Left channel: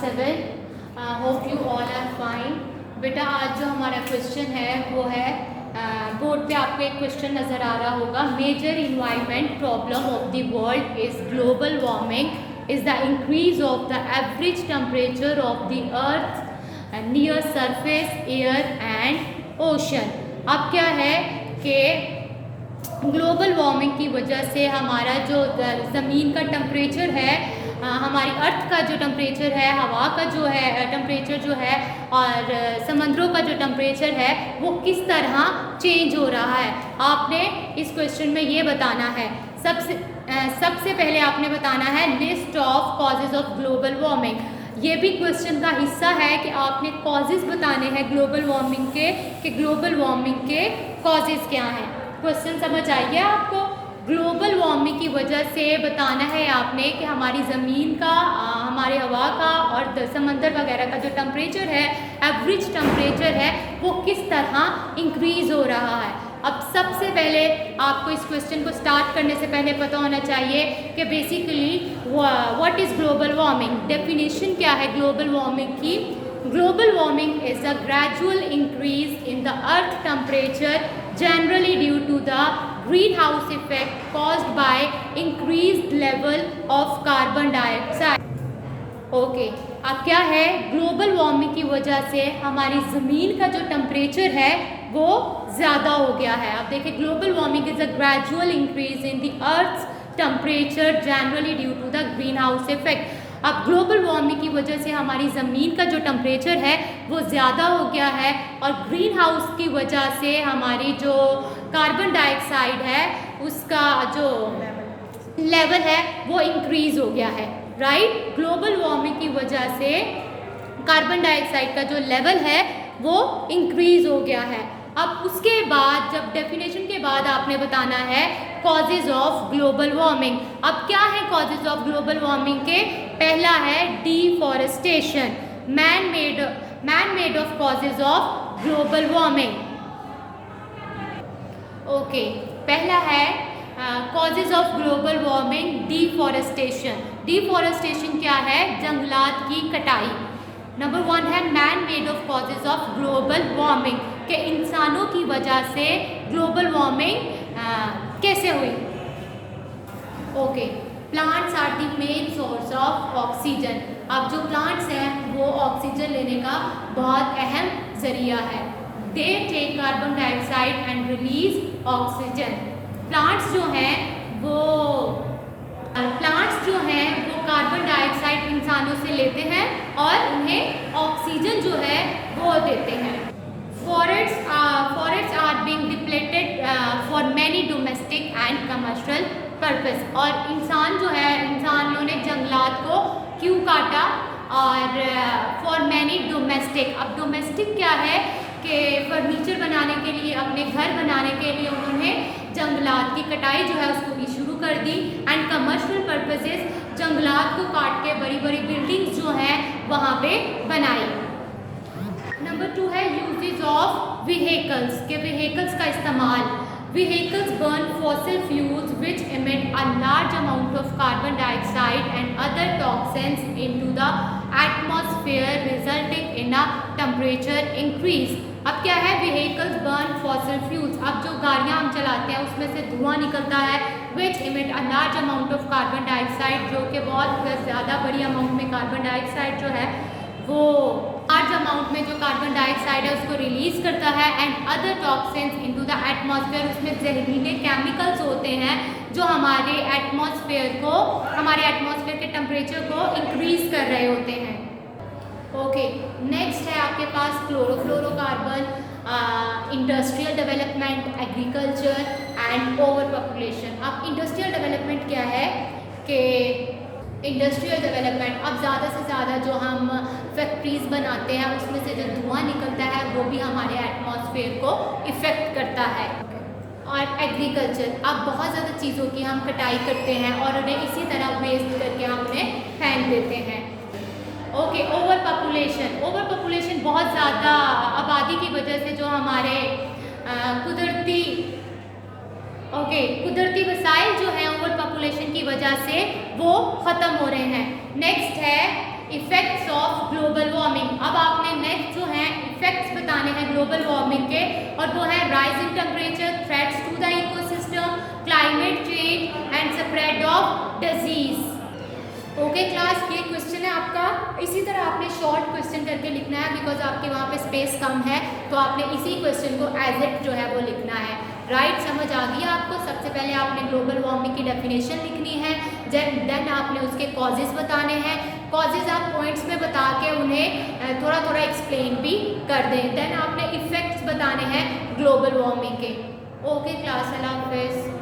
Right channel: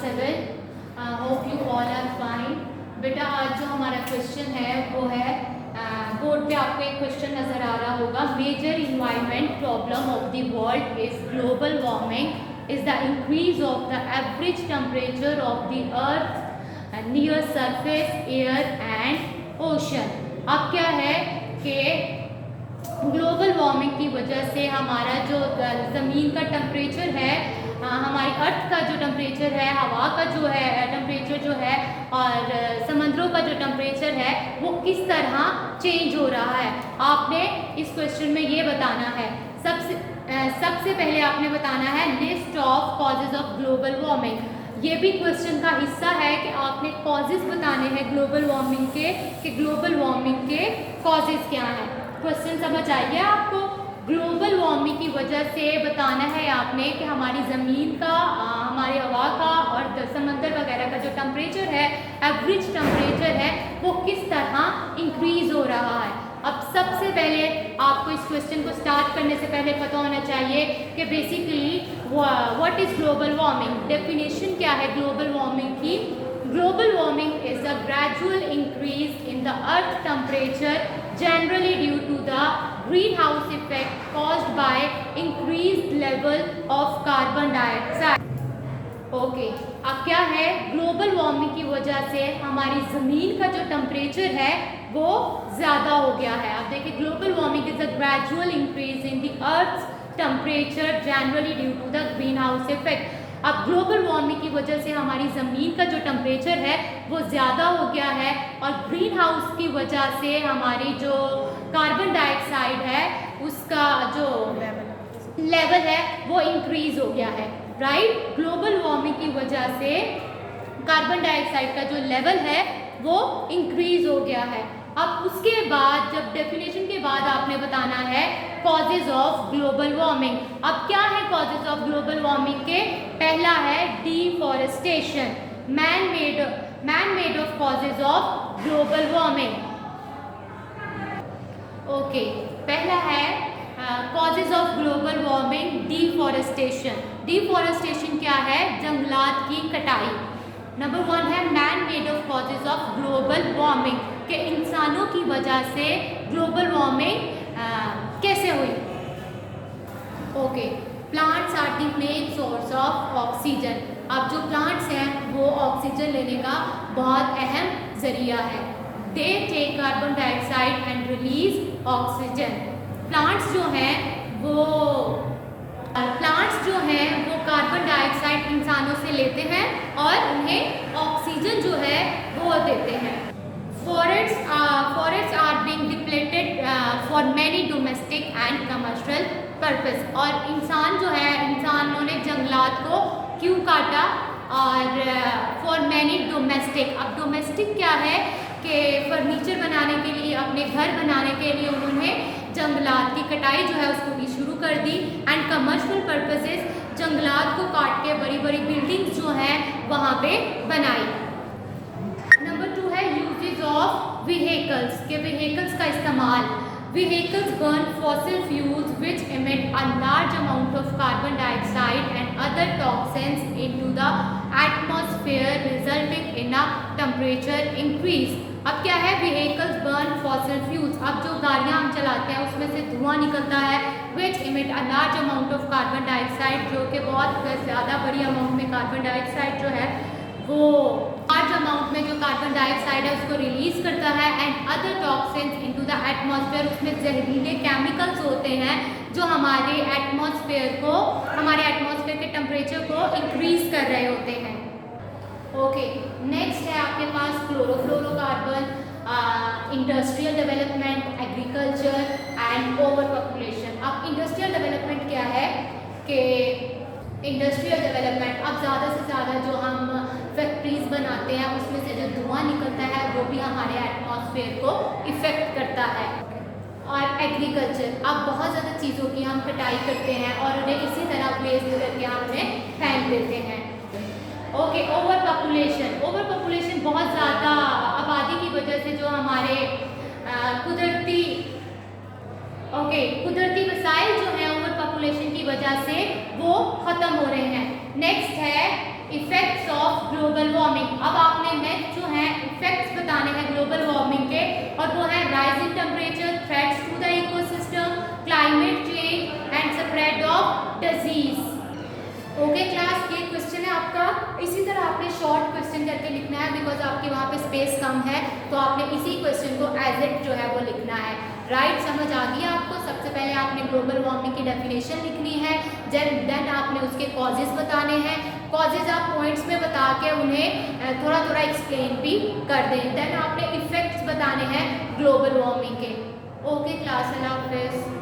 7. Hope you all are fine. बेटा आज जो हमारा क्वेश्चन है वो है बोर्ड पे आपको एक क्वेश्चन नज़र आ रहा होगा. Major environment problem of the world is global warming is the increase of the average temperature of the earth near surface air and ocean. अब क्या है कि ग्लोबल वार्मिंग की वजह से हमारा जो ज़मीन का टेम्परेचर है, हमारी अर्थ का जो टेम्परेचर है, हवा का जो है टेम्परेचर जो है और समंदरों का जो टेम्परेचर है वो किस तरह चेंज हो रहा है. आपने इस क्वेश्चन में ये बताना है. सबसे पहले आपने बताना है list of causes of global warming. ये भी क्वेश्चन का हिस्सा है कि आपने कॉजेज बताने हैं ग्लोबल वार्मिंग के, कि ग्लोबल वार्मिंग के कॉजेज क्या हैं. क्वेश्चन समझ आइए आपको. ग्लोबल वार्मिंग की वजह से बताना है आपने कि हमारी ज़मीन का, हमारे हवा का और समंदर वगैरह का जो टेम्परेचर है, एवरेज टेम्परेचर है, वो किस तरह इंक्रीज़ हो रहा है. अब सबसे पहले आपको इस क्वेश्चन को स्टार्ट करने से पहले पता होना चाहिए कि basically what is global warming. Definition क्या है ग्लोबल वार्मिंग की. Global warming is a gradual increase in the earth temperature generally due to the greenhouse effect caused by increased level of carbon dioxide. Okay, अब क्या है global warming की वजह से हमारी ज़मीन का जो टेम्परेचर है वो ज़्यादा हो गया है. अब देखिए global warming is a gradual increase in the earth temperature generally due to the green house effect. अब ग्लोबल वार्मिंग की वजह से हमारी ज़मीन का जो टेम्परेचर है वो ज़्यादा हो गया है और ग्रीन हाउस की वजह से हमारी जो कार्बन डाइऑक्साइड है उसका जो लेवल है वो इंक्रीज़ हो गया है. राइट, ग्लोबल वार्मिंग की वजह से कार्बन डाइऑक्साइड का जो लेवल है वो इंक्रीज़ हो गया है. अब उसके बाद जब डेफिनेशन के बाद आपने बताना है कॉजेज ऑफ ग्लोबल वार्मिंग. अब क्या है कॉजेज ऑफ ग्लोबल वार्मिंग के. पहला है deforestation, man made of causes of global warming. Okay, पहला है causes of global warming deforestation. Deforestation क्या है, जंगलात की कटाई. नंबर 1 है man made of causes of global warming, कि इंसानों की वजह से ग्लोबल वार्मिंग कैसे हुई. Okay, plants are the main source of oxygen. अब जो प्लांट्स हैं वो ऑक्सीजन लेने का बहुत अहम जरिया है. They take carbon dioxide and release oxygen. Plants जो हैं वो कार्बन डाइऑक्साइड इंसानों से लेते हैं और उन्हें ऑक्सीजन जो है वो देते हैं. Forests are being depleted for many domestic and commercial purpose. और इंसानों ने जंगलात को क्यों काटा और for many domestic. अब डोमेस्टिक क्या है कि फर्नीचर बनाने के लिए, अपने घर बनाने के लिए उन्होंने जंगलात की कटाई जो है उसको भी शुरू कर दी. एंड कमर्शियल पर्पसेस, जंगलात को काट के बड़ी बड़ी बिल्डिंग्स जो हैं वहाँ पे बनाई. नंबर 2 है यूजेज ऑफ व्हीकल्स, के व्हीकल्स का इस्तेमाल. Vehicles burn fossil fuels which emit a large amount of carbon dioxide and other toxins into the atmosphere resulting in a temperature increase. अब क्या है, व्हीकल्स बर्न फॉसिल फ्यूल्स. अब जो गाड़ियाँ हम चलाते हैं उसमें से धुआं निकलता है which emit a large amount of carbon dioxide, जो कि बहुत ज़्यादा बड़ी अमाउंट में कार्बन डाइऑक्साइड जो है वो लार्ज अमाउंट में जो कार्बन डाइऑक्साइड है उसको रिलीज करता है. And other toxins into the atmosphere, उसमें जहरीले केमिकल्स होते हैं जो हमारे एटमॉस्फेयर के टेम्परेचर को इंक्रीज कर रहे होते हैं. ओके, नेक्स्ट है आपके पास chlorofluorocarbon, industrial development, agriculture and over population. अब इंडस्ट्रियल डेवलपमेंट क्या है कि इंडस्ट्रियल डेवलपमेंट, अब ज़्यादा से ज़्यादा जो हम फैक्ट्रीज़ बनाते हैं उसमें से जो धुआं निकलता है वो भी हमारे एटमॉस्फेयर को इफ़ेक्ट करता है. और एग्रीकल्चर, अब बहुत ज़्यादा चीज़ों की हम कटाई करते हैं और उन्हें इसी तरह वेस्ट करके हम उन्हें फेंक देते हैं. ओके, ओवर पॉपुलेशन बहुत ज़्यादा आबादी की वजह से जो हमारे कुदरती वसाइल जो हैं ओवर पॉपुलेशन की वजह से वो ख़त्म हो रहे हैं. नेक्स्ट है इफ़ेक्ट्स ऑफ ग्लोबल वार्मिंग के, और वो है rising temperature, threats to the ecosystem, climate change and spread of disease. Okay class, ये क्वेश्चन है आपका। इसी तरह आपने शॉर्ट क्वेश्चन करके लिखना है, बिकॉज आपके वहाँ पे स्पेस कम है, तो आपने इसी क्वेश्चन को एज इट जो है वो लिखना है। राइट, समझ आ गया आपको? सबसे पहले आपने ग्लोबल वार्मिंग की डेफिनेशन लिखनी है, देन आपने उसके कॉजेज बताने हैं। कॉजेज आप पॉइंट्स में बता के उन्हें थोड़ा थोड़ा एक्सप्लेन भी कर दें। देन आपने इफेक्ट्स बताने हैं ग्लोबल वार्मिंग के। ओके क्लास, अल्लाह हाफिज़।